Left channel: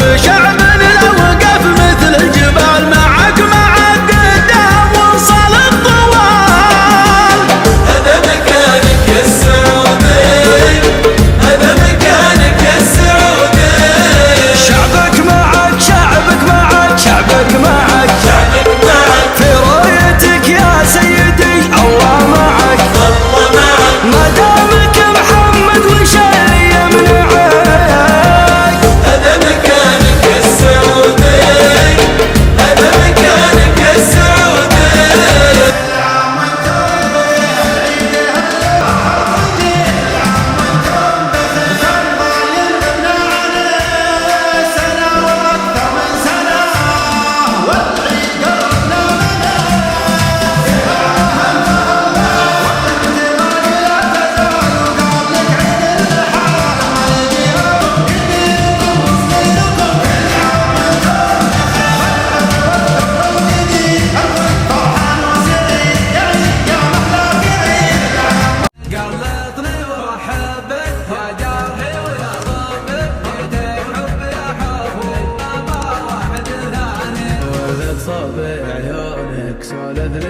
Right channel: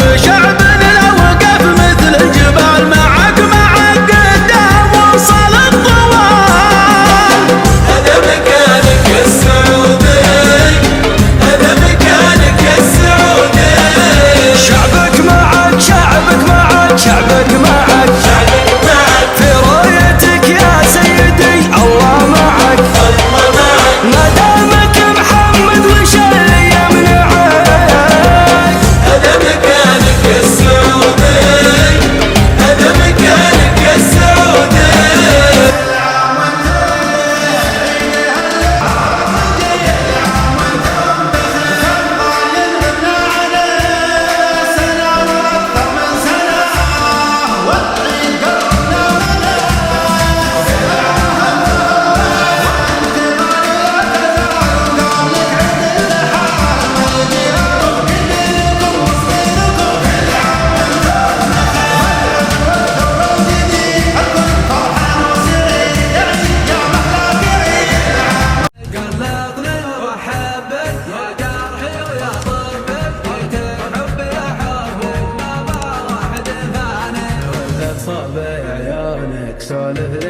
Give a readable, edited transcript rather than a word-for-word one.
بشعب لو وقف مثل الجبال معك قدام وصل الطوال. هذا مكانك السعودي، هذا مكانك السعودي. شعبك معك شعبك معك شعبك معك شعبك معك في رايتك يا سيدي، الله معك الله معك. ما دامك محمد وش اللي يمنعك. هذا مكانك السعودي، هذا مكانك السعودي. كل عام وانتم بخير، عيد الهلا كل عام وانتم بخير. كم غالي غبنا عنه سنة وأكثر من سنة، والعيد قربنا منه. وانت غالي لا تزال، وقابلك عيد الحال ما يجيكم كبيركم وصغيركم. كل عام وانتم بخير، والعطر والجديد الكل فرحان وسعيد. يا عيد يا محلى في عيد. قلبني وحبك يا جرحي ويا ضربك، جيت الحب يا حب ما واحد ثاني. وذا صبي عيونك سولف